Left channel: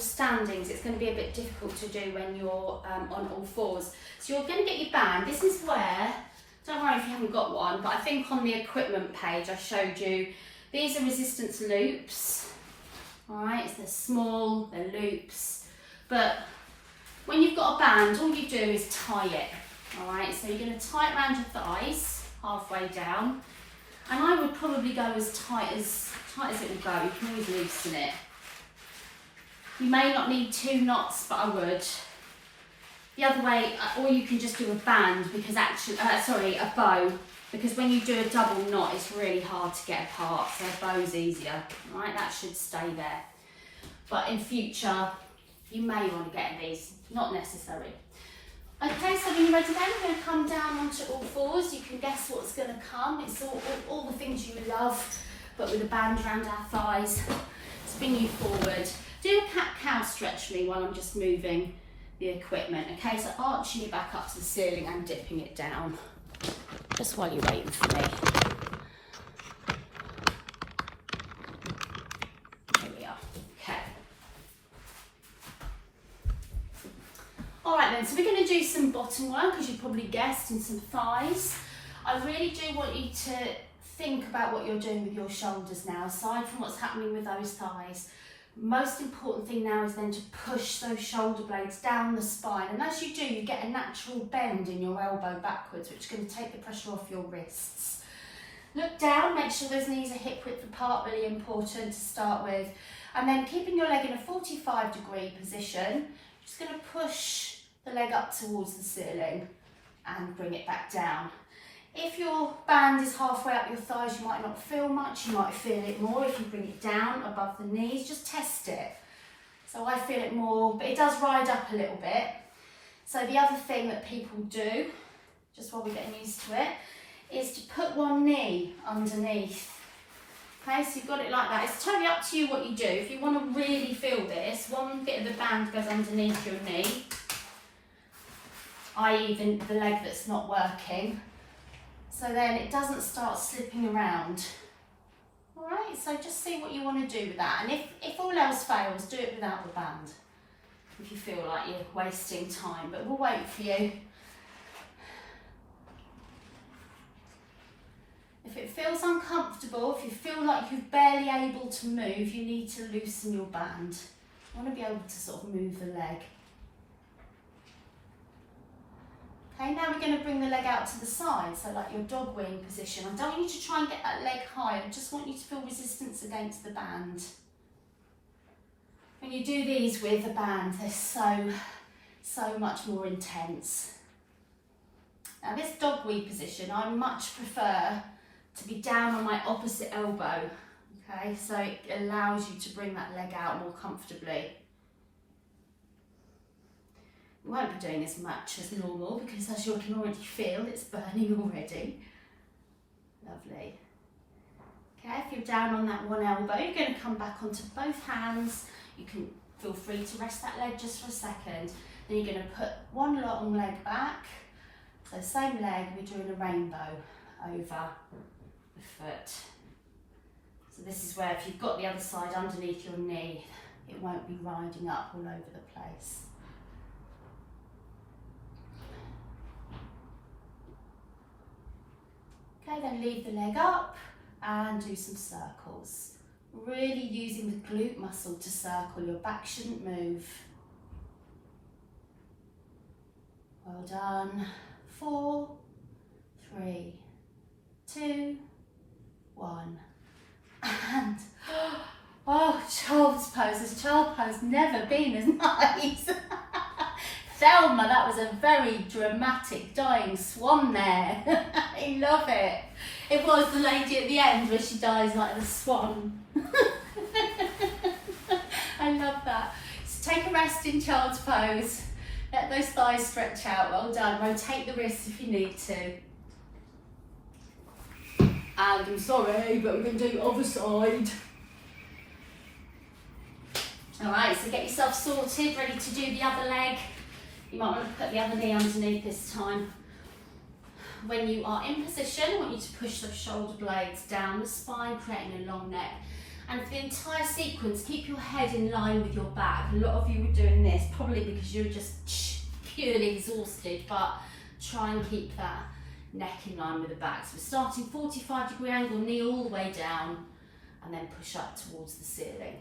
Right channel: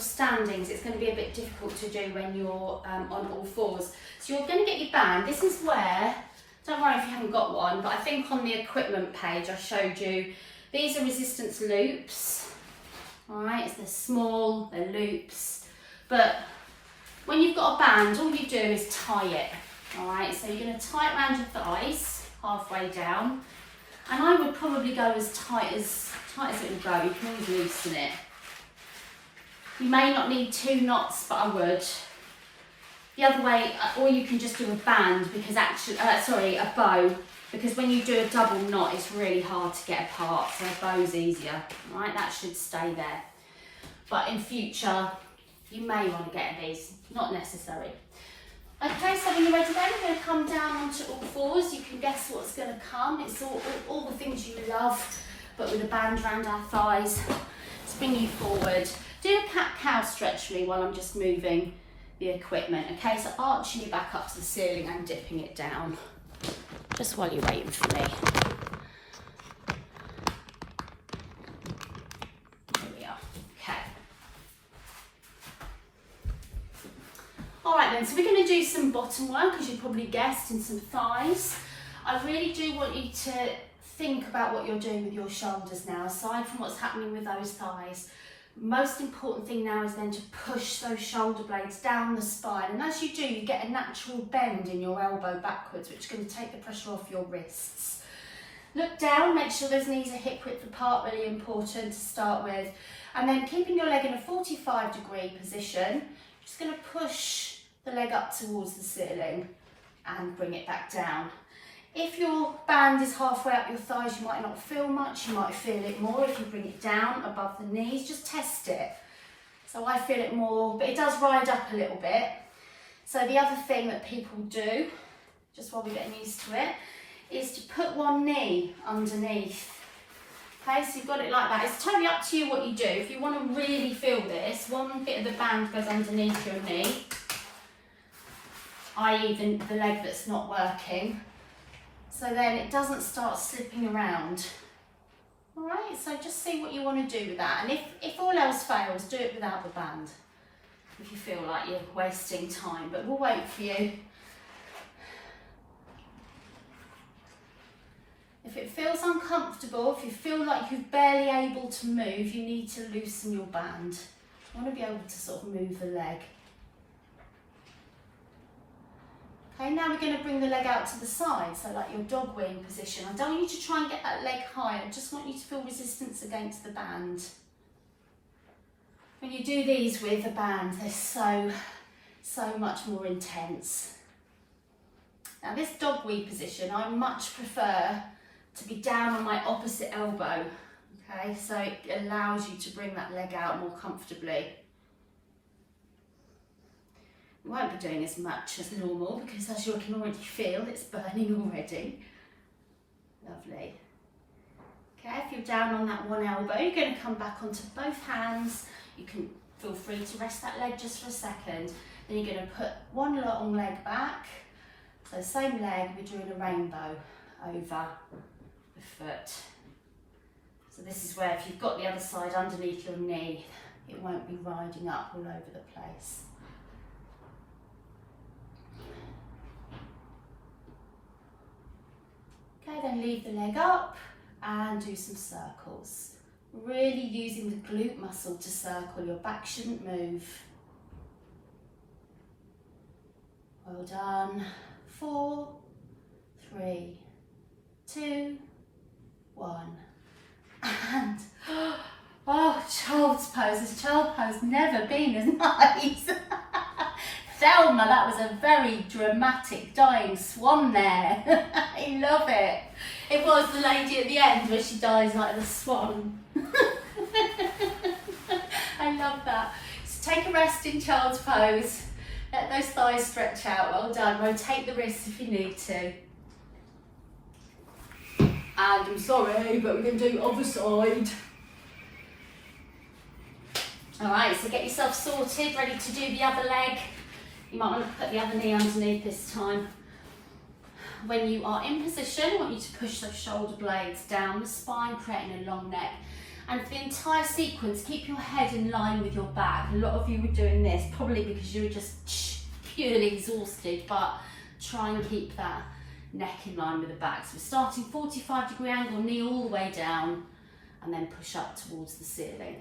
standings, it's going to be a bit difficult to do when you're on all fours. So you're going to get your band. This is where, don't worry if you haven't got one, but I think on the equipment page I showed you, these are resistance loops. Alright, they're small, they're loops, but when you've got a band, all you do is tie it. Alright, so you're going to tie it around your thighs, halfway down, and I would probably go as tight as it will go. You can always loosen it. You may not need 2 knots, but I would. The other way, or you can just do a band, because actually, a bow, because when you do a double knot, it's really hard to get apart, so a bow's easier. Right, that should stay there. But in future, you may want to get these, not necessary. Okay, so when you're ready then, we're going to come down onto all fours. You can guess what's going to come. It's all the things you love, but with a band around our thighs to bring you forward. Do a cat-cow stretch for me while I'm just moving the equipment. Okay, so arching it back up to the ceiling and dipping it down, just while you're waiting for me. Here we are. Okay. All right then, so we're going to do some bottom work, as you probably guessed, and some thighs. I really do want you to think about what you're doing with your shoulders now, aside from what's happening with those thighs. Most important thing now is then to push those shoulder blades down the spine, and as you do, you get a natural bend in your elbow backwards, which is going to take the pressure off your wrists. Look down, make sure those knees are hip width apart, really important to start with, and then keeping your leg in a 45-degree position, just going to push the leg up towards the ceiling and bring it back down. If your band is halfway up your thighs, you might not feel much, you might feel it more if you bring it down above the knees. Just test it. So I feel it more, but it does ride up a little bit. So the other thing that people do, just while we're getting used to it, is to put one knee underneath. Okay, so you've got it like that. It's totally up to you what you do. If you want to really feel this, one bit of the band goes underneath your knee, i.e. the leg that's not working. So then it doesn't start slipping around. All right, so just see what you want to do with that. And if all else fails, do it without the band, if you feel like you're wasting time, but we'll wait for you. If it feels uncomfortable, if you feel like you're barely able to move, you need to loosen your band. You want to be able to sort of move the leg. Okay, now we're going to bring the leg out to the side, so like your dog wing position. I don't want you to try and get that leg high, I just want you to feel resistance against the band. When you do these with the band, they're so much more intense. Now this dog wing position, I much prefer to be down on my opposite elbow, okay, so it allows you to bring that leg out more comfortably. You won't be doing as much as normal because, as you can already feel, it's burning already. Lovely. Okay, if you're down on that one elbow, you're going to come back onto both hands. You can feel free to rest that leg just for a second. Then you're going to put one long leg back. So same leg, we're doing a rainbow over the foot. So this is where if you've got the other side underneath your knee, it won't be riding up all over the place. Okay, then leave the leg up and do some circles. Really using the glute muscle to circle. Your back shouldn't move. Well done. 4, 3, 2, 1. And, oh, child's pose. This child pose never been as nice. Thelma, that was a very dramatic dying swan there. I love it. It was the lady at the end where she dies like the swan. I love that. So take a rest in child's pose. Let those thighs stretch out. Well done. Rotate the wrists if you need to. And I'm sorry, but we're going to do the other side. Alright, so get yourself sorted, ready to do the other leg. You might want to put the other knee underneath this time. When you are in position, I want you to push those shoulder blades down the spine, creating a long neck. And for the entire sequence, keep your head in line with your back. A lot of you were doing this, probably because you were just purely exhausted, but try and keep that neck in line with the back. So we're starting 45-degree angle, knee all the way down, and then push up towards the ceiling.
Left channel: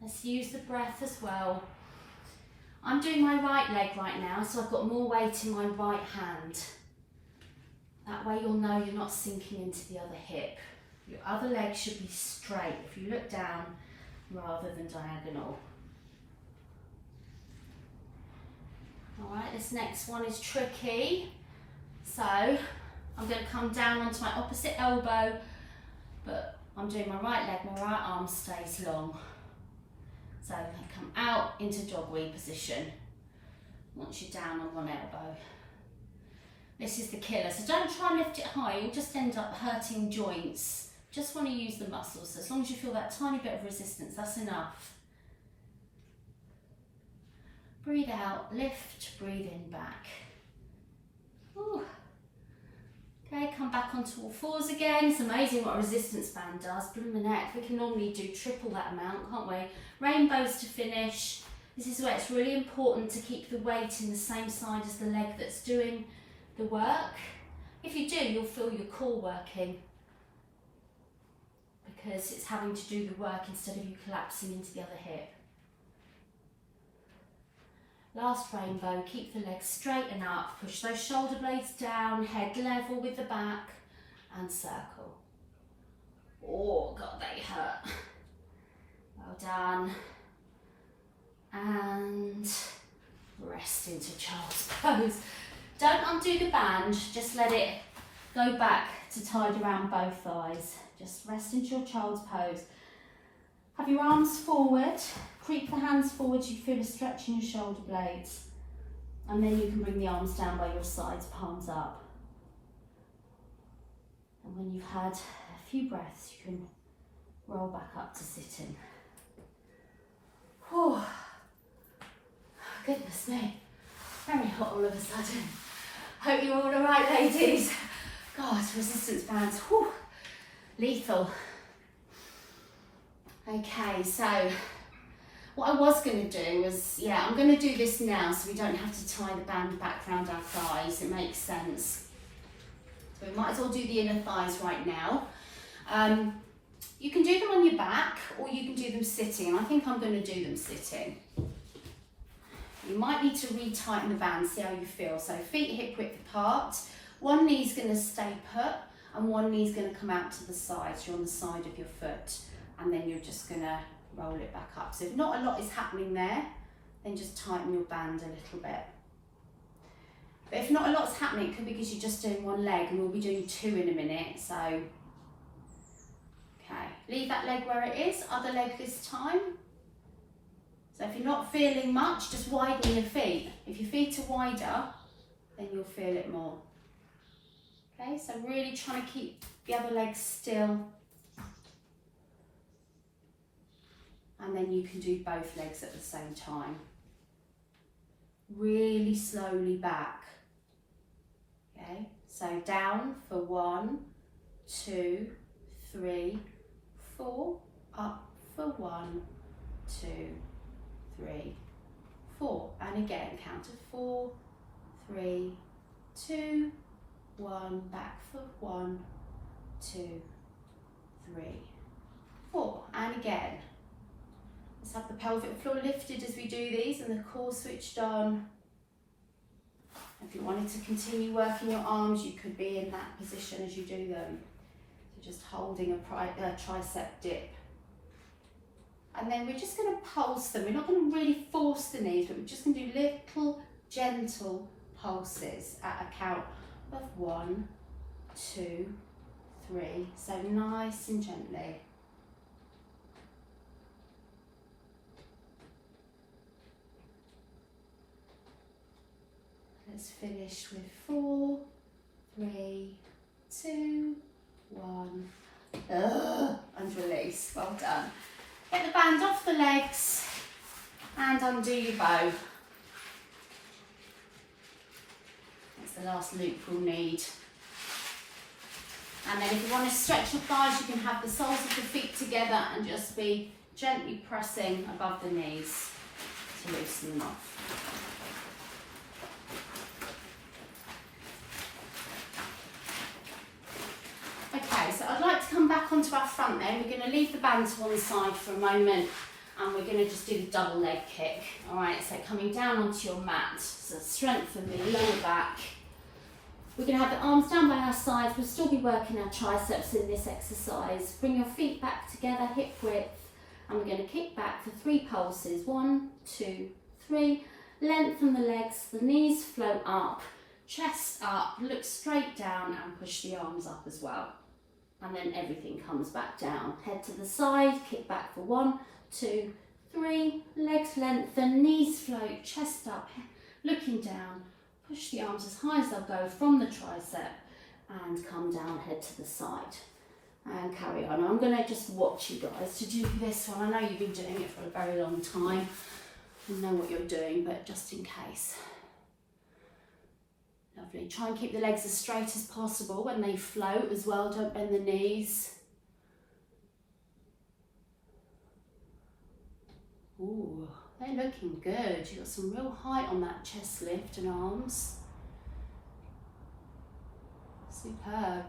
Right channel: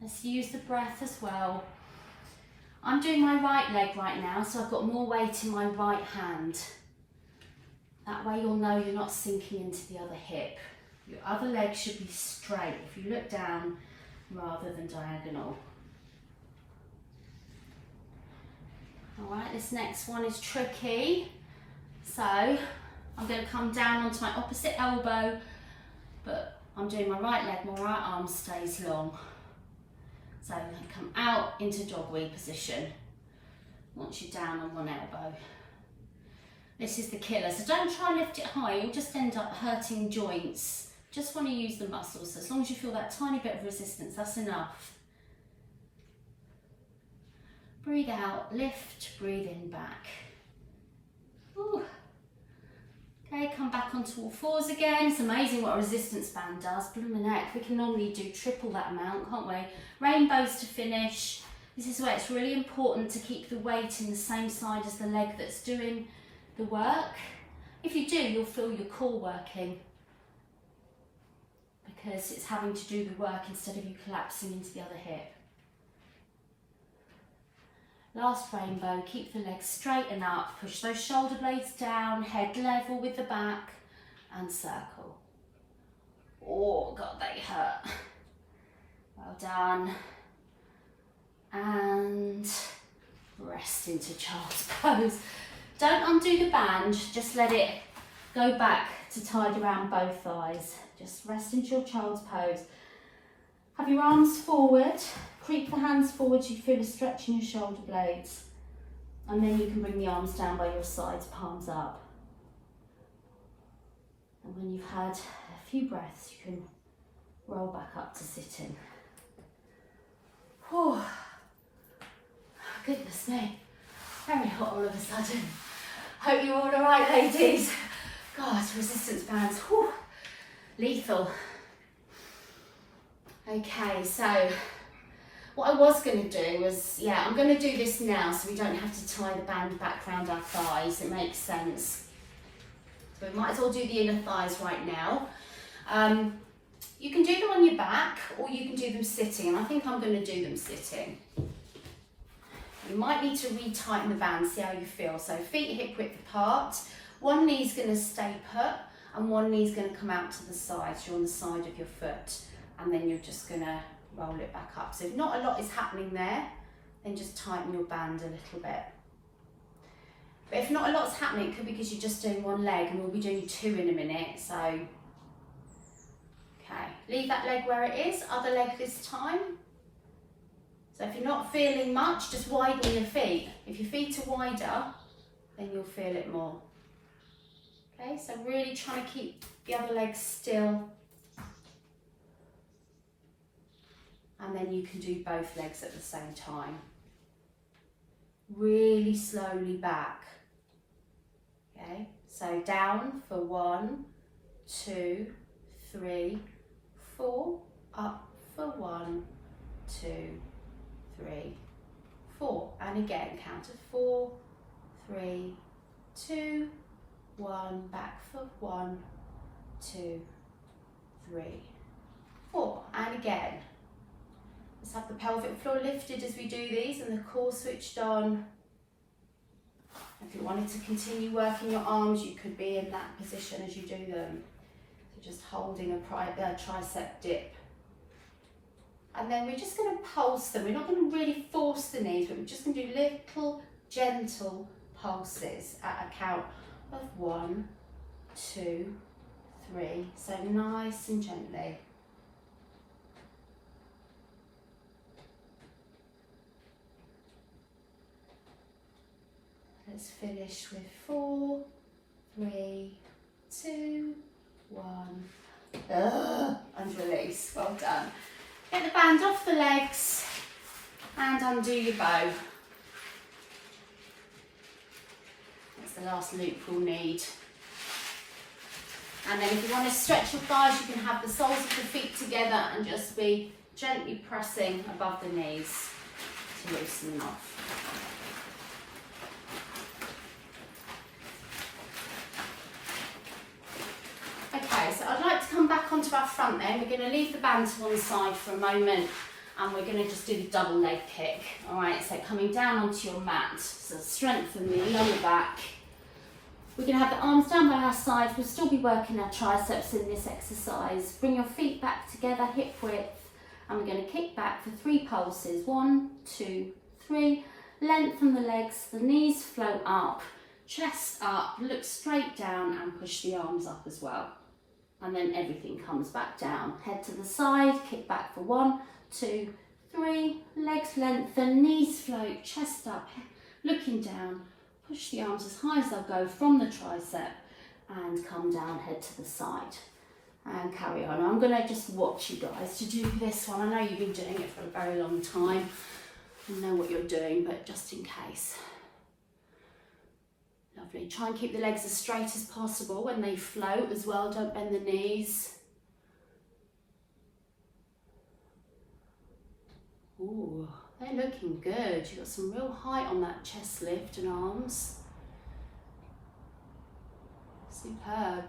Let's use the breath as well. I'm doing my right leg right now, so I've got more weight in my right hand. That way you'll know you're not sinking into the other hip. Your other leg should be straight if you look down rather than diagonal. All right, this next one is tricky. So I'm going to come down onto my opposite elbow, but I'm doing my right leg, my right arm stays long. So I'm going to come out into dog wheel position once you're down on one elbow. This is the killer, so don't try and lift it high, you'll just end up hurting joints. Just want to use the muscles, so as long as you feel that tiny bit of resistance, that's enough. Breathe out, lift, breathe in, back. Ooh. Okay, come back onto all fours again. It's amazing what a resistance band does. Bloom the neck, we can normally do triple that amount, can't we? Rainbows to finish. This is where it's really important to keep the weight in the same side as the leg that's doing the work. If you do, you'll feel your core working because it's having to do the work instead of you collapsing into the other hip. Last rainbow, keep the legs straight and up, push those shoulder blades down, head level with the back and circle. Oh God, they hurt. Well done. And rest into child's pose. Don't undo the band, just let it go back to tied around both thighs. Just rest into your child's pose. Have your arms forward, creep the hands forward so you feel a stretch in your shoulder blades. And then you can bring the arms down by your sides, palms up. And when you've had a few breaths, you can roll back up to sitting. Oh, goodness me, very hot all of a sudden. Hope you're all alright, ladies. God, resistance bands, whew, lethal. Okay, so what I was going to do was, I'm going to do this now so we don't have to tie the band back around our thighs. It makes sense. So we might as well do the inner thighs right now. You can do them on your back or you can do them sitting, and I think I'm going to do them sitting. You might need to retighten the band, see how you feel. So feet hip width apart, one knee's going to stay put and one knee's going to come out to the side, so you're on the side of your foot, and then you're just going to roll it back up. So if not a lot is happening there, then just tighten your band a little bit. But if not a lot's happening, it could be because you're just doing one leg, and we'll be doing two in a minute. So, okay, leave that leg where it is, other leg this time. So if you're not feeling much, just widen your feet. If your feet are wider, then you'll feel it more. Okay, so really trying to keep the other leg still. And then you can do both legs at the same time. Really slowly back. Okay, so down for 1, 2, 3, 4, up for 1, 2, 3, 4, and again count to 4, 3, 2, 1, back for 1, 2, 3, 4, and again. Let's have the pelvic floor lifted as we do these and the core switched on. If you wanted to continue working your arms, you could be in that position as you do them. So just holding a tricep dip. And then we're just going to pulse them. We're not going to really force the knees, but we're just going to do little gentle pulses at a count of 1, 2, 3. So nice and gently. Let's finish with 4, 3, 2, 1. And release. Well done. Get the band off the legs and undo your bow. Let's the last loop we'll need. And then if you want to stretch your thighs, you can have the soles of the feet together and just be gently pressing above the knees to loosen them off. Okay, so I'd like to come back onto our front then. We're going to leave the band to one side for a moment and we're going to just do the double leg kick. Alright, so coming down onto your mat, so strengthen the lower back. We're going to have the arms down by our sides. We'll still be working our triceps in this exercise. Bring your feet back together, hip width, and we're going to kick back for 3 pulses. 1, 2, 3. Lengthen the legs, the knees float up, chest up, look straight down and push the arms up as well. And then everything comes back down. Head to the side, kick back for 1, 2, 3. Legs lengthen, knees float, chest up, looking down. Push the arms as high as they'll go from the tricep and come down, head to the side and carry on. I'm going to just watch you guys to do this one. I know you've been doing it for a very long time and know what you're doing, but just in case. Lovely. Try and keep the legs as straight as possible when they float as well. Don't bend the knees. Ooh. They're looking good. You've got some real height on that chest lift and arms. Superb.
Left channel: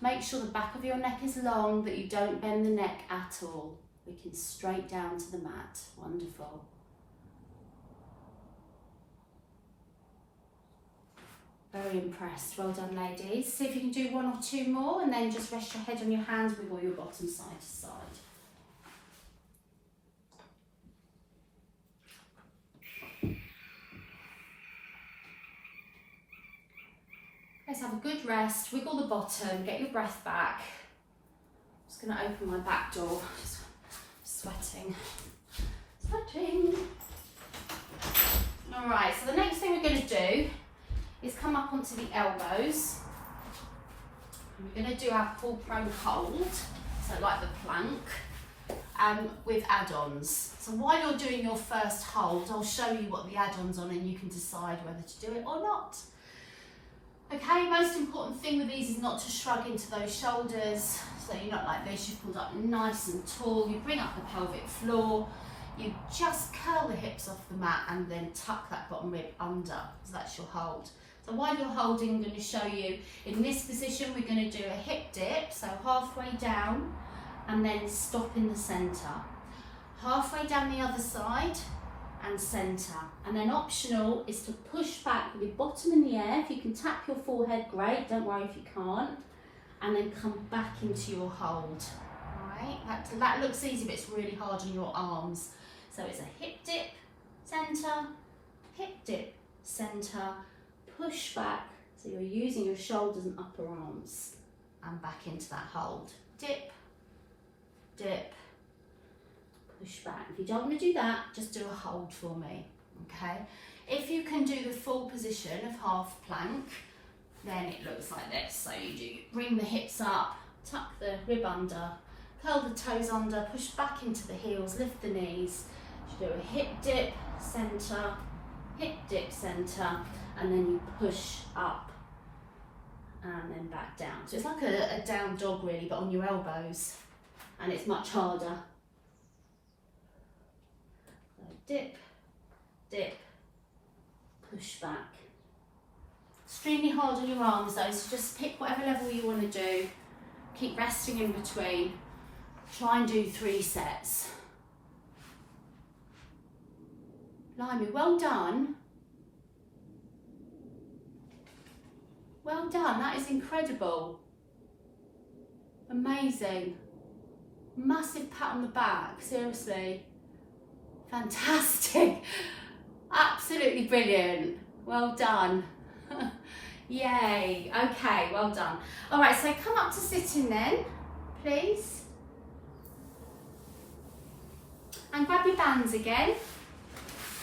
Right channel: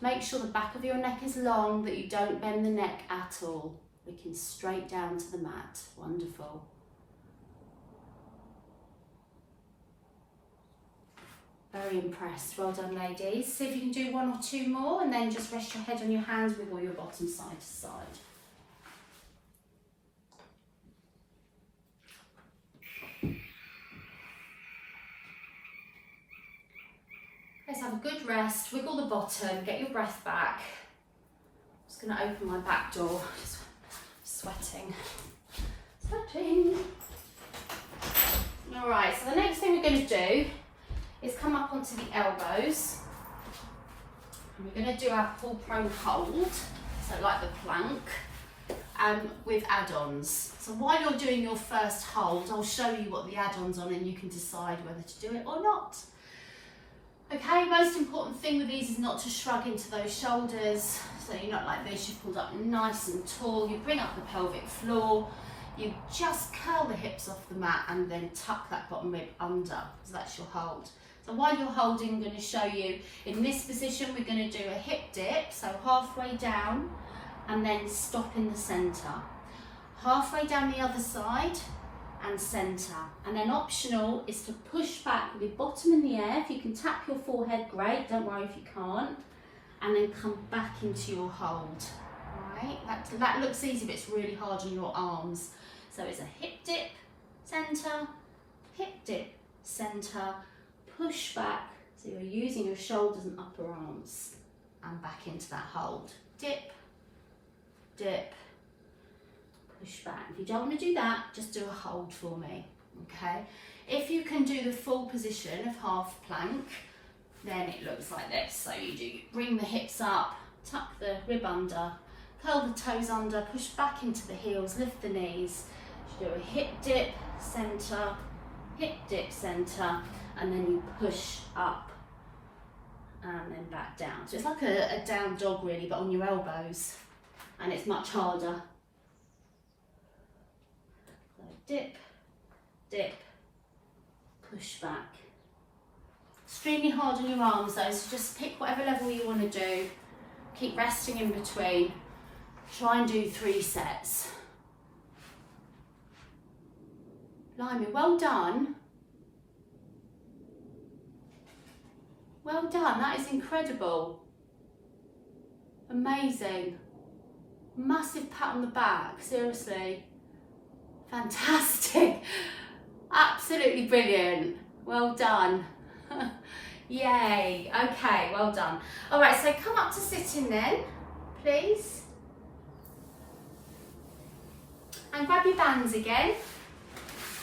Make sure the back of your neck is long, that you don't bend the neck at all. Looking straight down to the mat. Wonderful. Very impressed. Well done, ladies. See if you can do 1 or 2 more and then just rest your head on your hands, wiggle your bottom side to side. Let's have a good rest, wiggle the bottom, get your breath back. I'm just going to open my back door. Sweating. Alright, so the next thing we're going to do is come up onto the elbows. And we're going to do our pull prone hold, so like the plank, with add-ons. So while you're doing your first hold, I'll show you what the add-ons on and you can decide whether to do it or not. Okay, most important thing with these is not to shrug into those shoulders, so you're not like this, you've pulled up nice and tall, you bring up the pelvic floor, you just curl the hips off the mat and then tuck that bottom rib under, so that's your hold. So while you're holding, I'm going to show you, in this position we're going to do a hip dip, so halfway down and then stop in the centre. Halfway down the other side and centre, and then optional is to push back with your bottom in the air. If you can tap your forehead, great, don't worry if you can't, and then come back into your hold. Alright, that looks easy but it's really hard on your arms. So it's a hip dip, centre, push back, so you're using your shoulders and upper arms, and back into that hold. Dip, dip, push back. If you don't want to do that, just do a hold for me, okay? If you can do the full position of half plank, then it looks like this. So you do bring the hips up, tuck the rib under, curl the toes under, push back into the heels, lift the knees. You do a hip dip, centre, and then you push up and then back down. So it's like a down dog really, but on your elbows, and it's much harder. Dip, dip, push back. Extremely hard on your arms though, so just pick whatever level you want to do. Keep resting in between. Try and do 3 sets. Blimey, well done. Well done, that is incredible. Amazing. Massive pat on the back, seriously. Fantastic, absolutely brilliant, well done. Yay, okay, well done. All right, so come up to sitting then, please. And grab your bands again.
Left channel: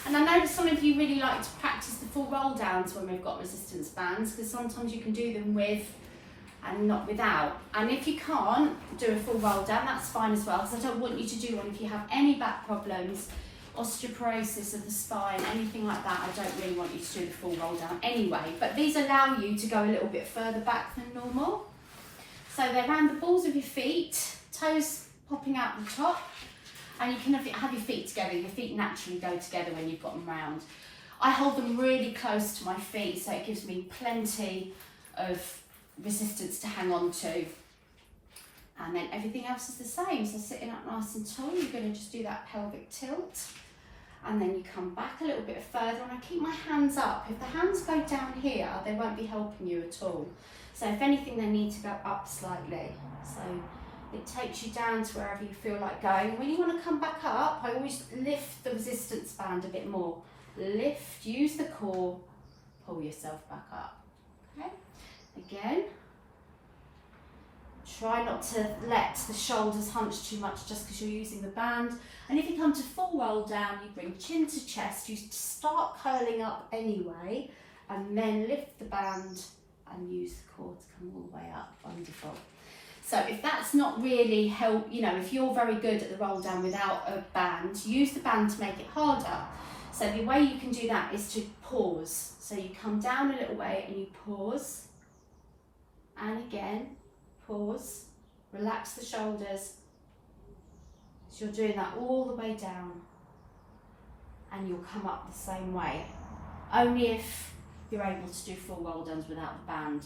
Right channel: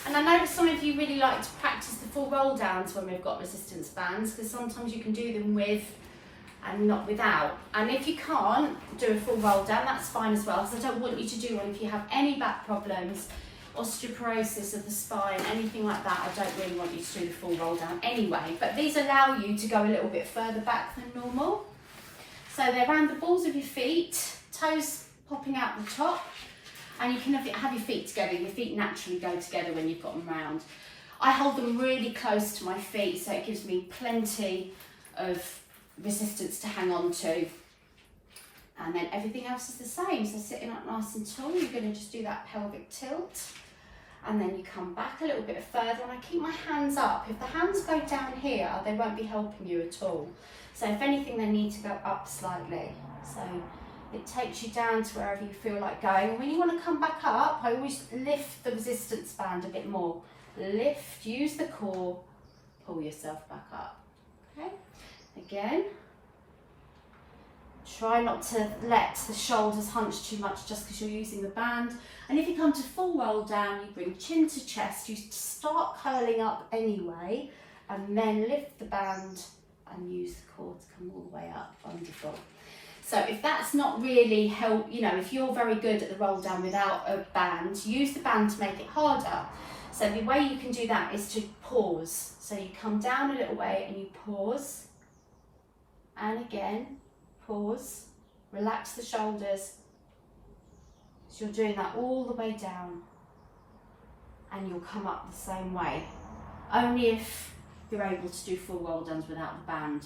And I know some of you really like to practice the full roll downs when we've got resistance bands, because sometimes you can do them with and not without. And if you can't do a full roll down, that's fine as well, because I don't want you to do one if you have any back problems. osteoporosis of the spine, anything like that, I don't really want you to do the full roll down anyway. But these allow you to go a little bit further back than normal. So they're around the balls of your feet, toes popping out the top, and you can have your feet together. Your feet naturally go together when you've got them round. I hold them really close to my feet, so it gives me plenty of resistance to hang on to. And then everything else is the same. So sitting up nice and tall, you're going to just do that pelvic tilt. And then you come back a little bit further, and I keep my hands up. If the hands go down here, they won't be helping you at all. So if anything, they need to go up slightly. So it takes you down to wherever you feel like going. When you want to come back up, I always lift the resistance band a bit more. Lift, use the core, pull yourself back up. Okay, again. Try not to let the shoulders hunch too much just because you're using the band. And if you come to full roll down, you bring chin to chest. You start curling up anyway, and then lift the band and use the core to come all the way up. Wonderful. So if that's not really help, you know, if you're very good at the roll down without a band, use the band to make it harder. So the way you can do that is to pause. So you come down a little way and you pause, and again. Pause, relax the shoulders. So you're doing that all the way down, and you'll come up the same way. Only if you're able to do full roll downs without the band.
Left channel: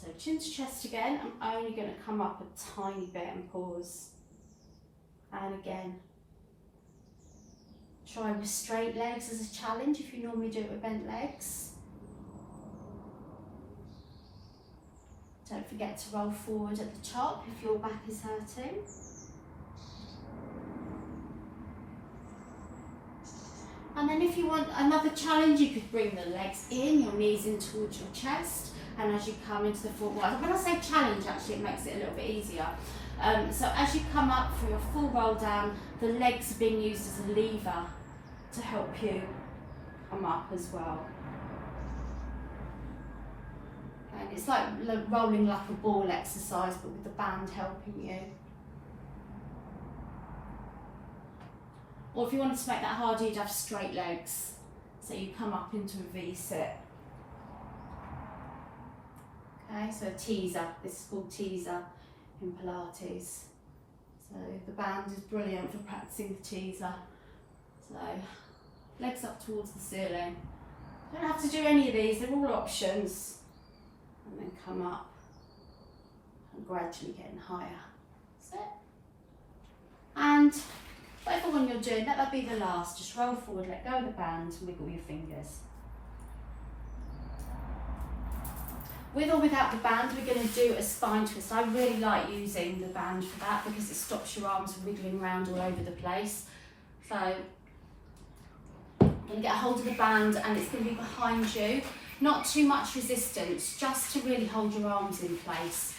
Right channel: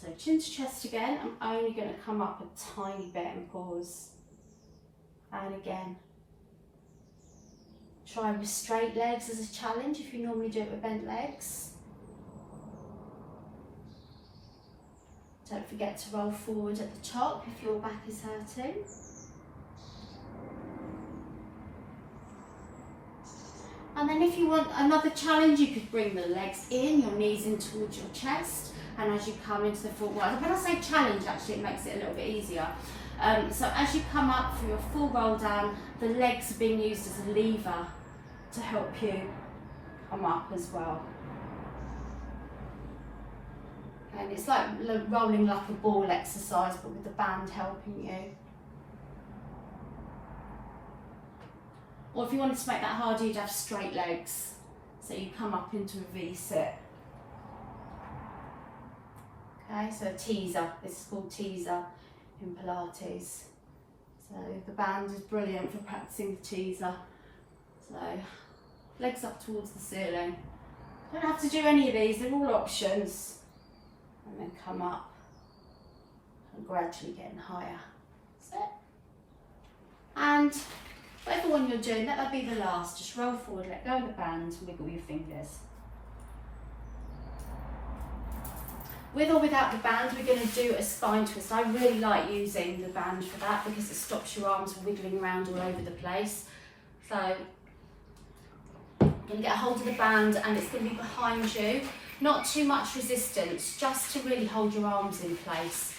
So chin to chest again. I'm only going to come up a tiny bit and pause. And again. Try with straight legs as a challenge if you normally do it with bent legs. Don't forget to roll forward at the top if your back is hurting. And then if you want another challenge, you could bring the legs in, your knees in towards your chest, and as you come into the full roll. When I say challenge, actually, it makes it a little bit easier. So as you come up for a full roll down, the legs are being used as a lever to help you come up as well. And it's like rolling like a ball exercise, but with the band helping you. Or if you wanted to make that harder, you'd have straight legs. So you come up into a V-sit. Okay, so teaser. This is called teaser in Pilates. So the band is brilliant for practicing the teaser. So legs up towards the ceiling. Don't have to do any of these, they're all options. And then come up and gradually getting higher. That's it. And whatever one you're doing, let that be the last. Just roll forward, let go of the band, and wiggle your fingers. With or without the band, we're going to do a spine twist. I really like using the band for that because it stops your arms wiggling around all over the place. So I'm going to get a hold of the band, and it's going to be behind you. Not too much resistance, just to really hold your arms in place.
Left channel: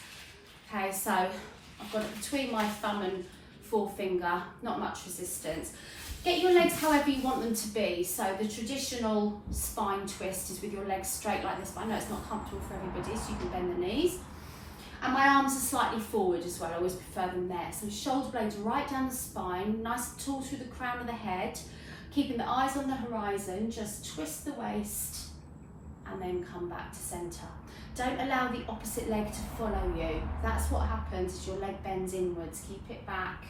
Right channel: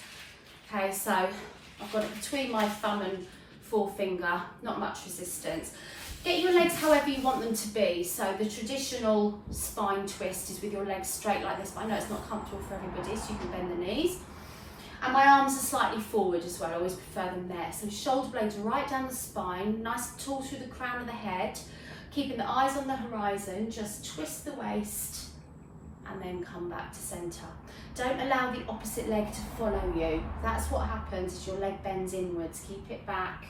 Okay, so I've got it between my thumb and forefinger, not much resistance. Get your legs however you want them to be. So the traditional spine twist is with your legs straight like this, but I know it's not comfortable for everybody, so you can bend the knees. And my arms are slightly forward as well, I always prefer them there. So shoulder blades right down the spine, nice and tall through the crown of the head, keeping the eyes on the horizon, just twist the waist, and then come back to centre. Don't allow the opposite leg to follow you. That's what happens as your leg bends inwards. Keep it back.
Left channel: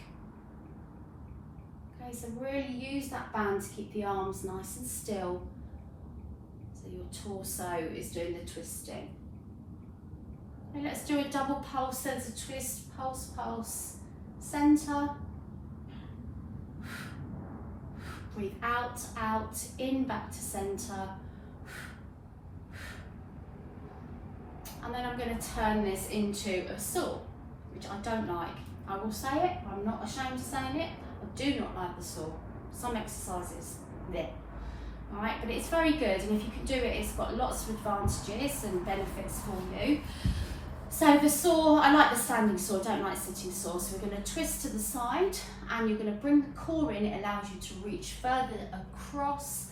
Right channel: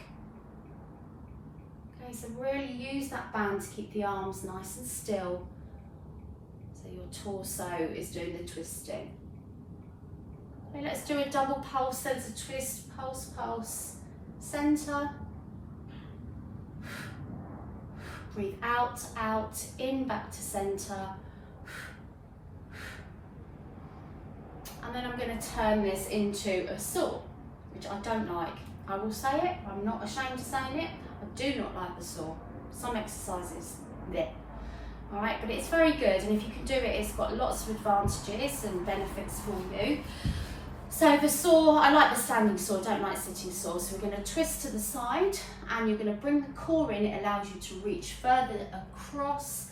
Okay, so really use that band to keep the arms nice and still. So your torso is doing the twisting. Okay, let's do a double pulse. There's a twist, pulse, pulse, centre. Breathe out, out, in, back to centre. And then I'm going to turn this into a saw, which I don't like. I will say it, I'm not ashamed of saying it. I do not like the saw. Some exercises, there. All right, but it's very good, and if you can do it, it's got lots of advantages and benefits for you. So the saw, I like the standing saw, don't like sitting saw. So we're going to twist to the side, and you're going to bring the core in. It allows you to reach further across.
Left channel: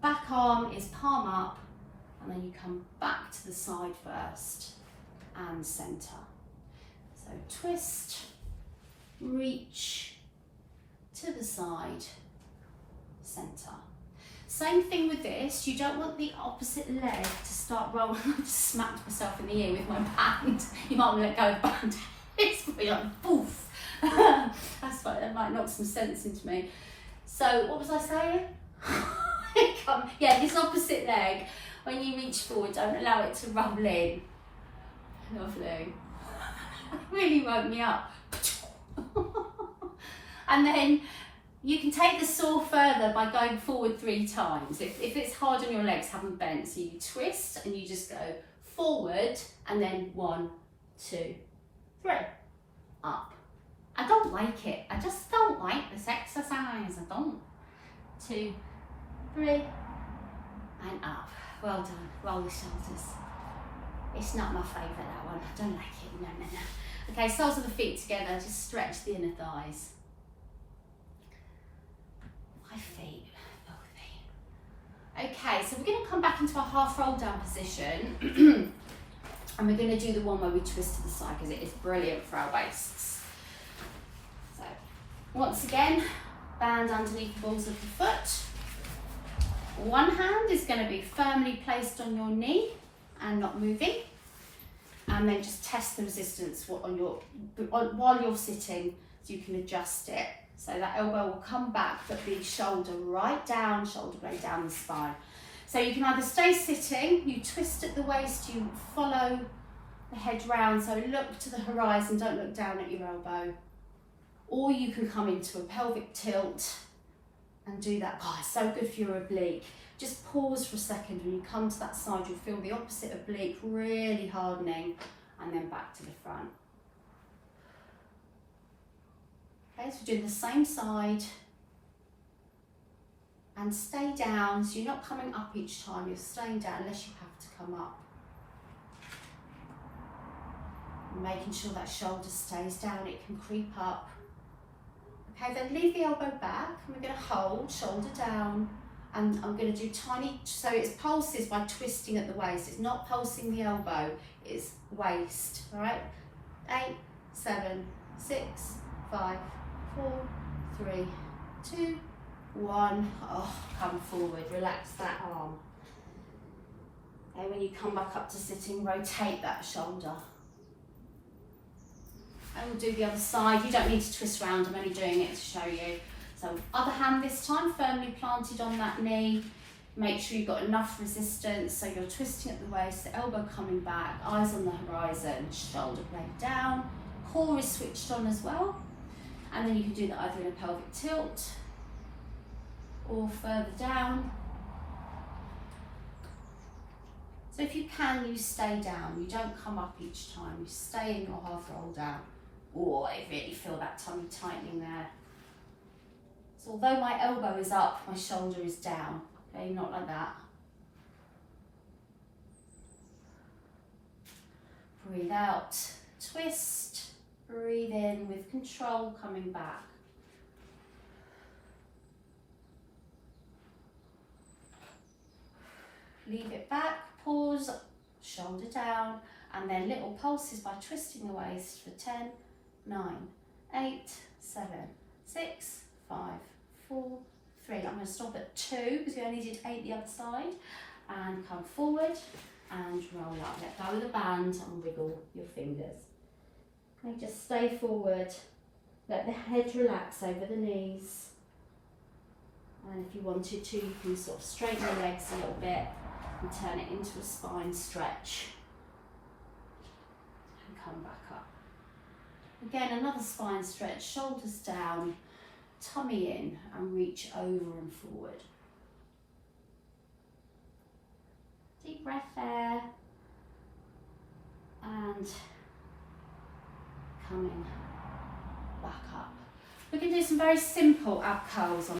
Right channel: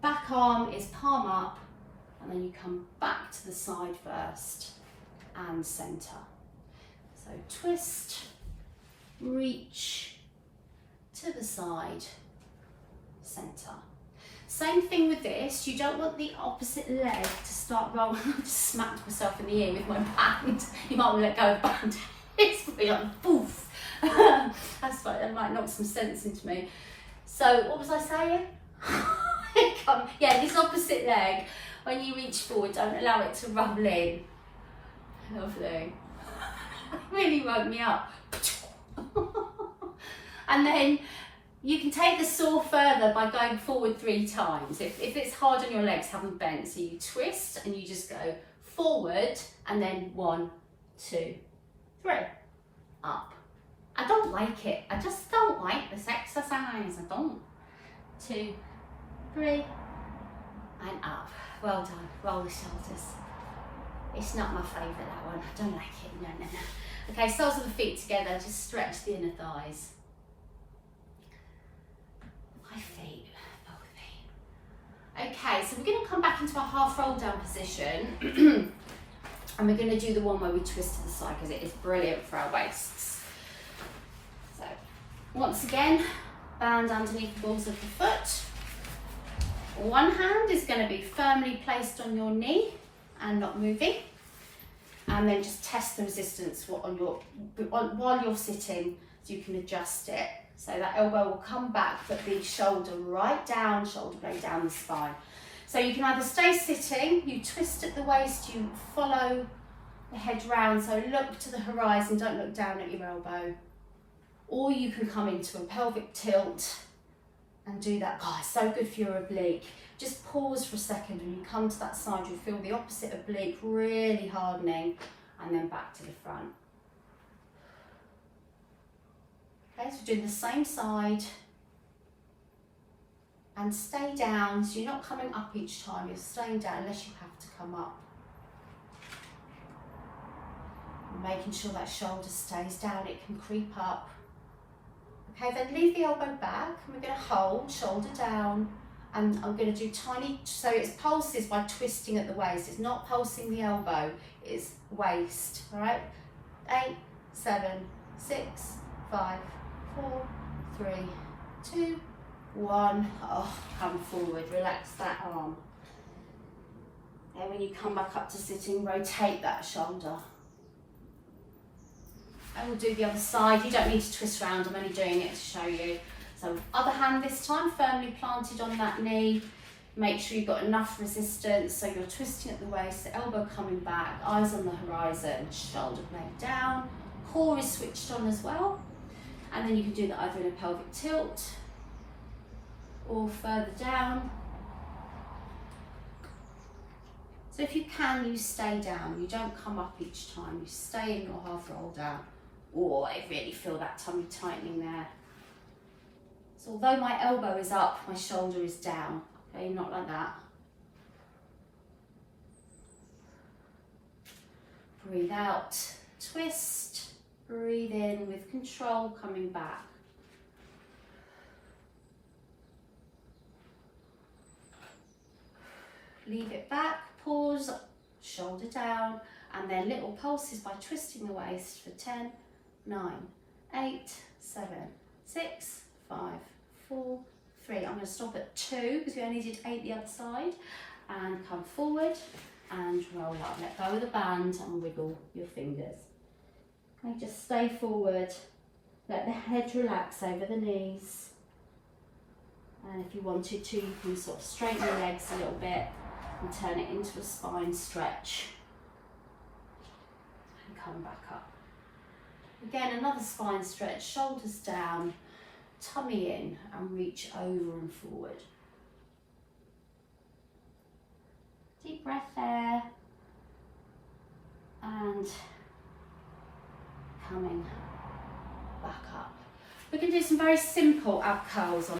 Back arm is palm up, and then you come back to the side first and centre. So twist, reach to the side, centre. Same thing with this, you don't want the opposite leg to start rolling. I just smacked myself in the ear with my band. You might want to let go of the band. It's probably like, poof. That's like, that might knock some sense into me. So what was I saying? Yeah, this opposite leg, when you reach forward, don't allow it to roll in. Lovely. It really woke me up. And then you can take the saw further by going forward 3 times. If it's hard on your legs, have them bent. So you twist and you just go forward and then 1, 2, 3, up. I don't like it. I just don't like this exercise. I don't. 2, 3, and up. Well done. Roll the shoulders. It's not my favourite, that one. I don't like it. No, no, no. Okay, soles of the feet together. Just stretch the inner thighs. My feet, both feet. Okay, so we're going to come back into our half roll down position. And we're going to do the one where we twist to the side because it is brilliant for our waists. So, once again, band underneath the balls of the foot. One hand is going to be firmly placed on your knee and not moving. And then just test the resistance while you're sitting so you can adjust it. So that elbow will come back but be shoulder right down, shoulder blade down the spine. So you can either stay sitting, you twist at the waist, you follow the head round, so look to the horizon, don't look down at your elbow. Or you can come into a pelvic tilt and do that. God, it's so good for your oblique. Just pause for a second. When you come to that side, you'll feel the opposite oblique really hardening, and then back to the front. Okay, so we're doing the same side. And stay down, so you're not coming up each time, you're staying down unless you have to come up. And making sure that shoulder stays down, it can creep up. Okay, then leave the elbow back, and we're going to hold, shoulder down, and I'm going to do tiny, so it's pulses by twisting at the waist. It's not pulsing the elbow, it's waist, all right? 8, 7, 6, 5, 4, 3, 2, 1. Oh, come forward, relax that arm. And when you come back up to sitting, rotate that shoulder. And we'll do the other side. You don't need to twist around, I'm only doing it to show you. So other hand this time, firmly planted on that knee. Make sure you've got enough resistance, so you're twisting at the waist, the elbow coming back, eyes on the horizon, shoulder blade down, core is switched on as well. And then you can do that either in a pelvic tilt or further down. So if you can, you stay down. You don't come up each time. You stay in your half roll down. Oh, I really feel that tummy tightening there. So although my elbow is up, my shoulder is down. Okay, not like that. Breathe out, twist. Breathe in with control, coming back. Leave it back, pause, shoulder down, and then little pulses by twisting the waist for 10, 9, 8, 7, 6, 5, 4, 3. I'm going to stop at 2 because we only did 8 the other side. And come forward and roll up. Let go of the band and wiggle your fingers. Okay, just stay forward. Let the head relax over the knees. And if you wanted to, you can sort of straighten the legs a little bit and turn it into a spine stretch. And come back up. Again, another spine stretch, shoulders down, tummy in, and reach over and forward. Deep breath there. And coming back up. We can do some very simple ab curls on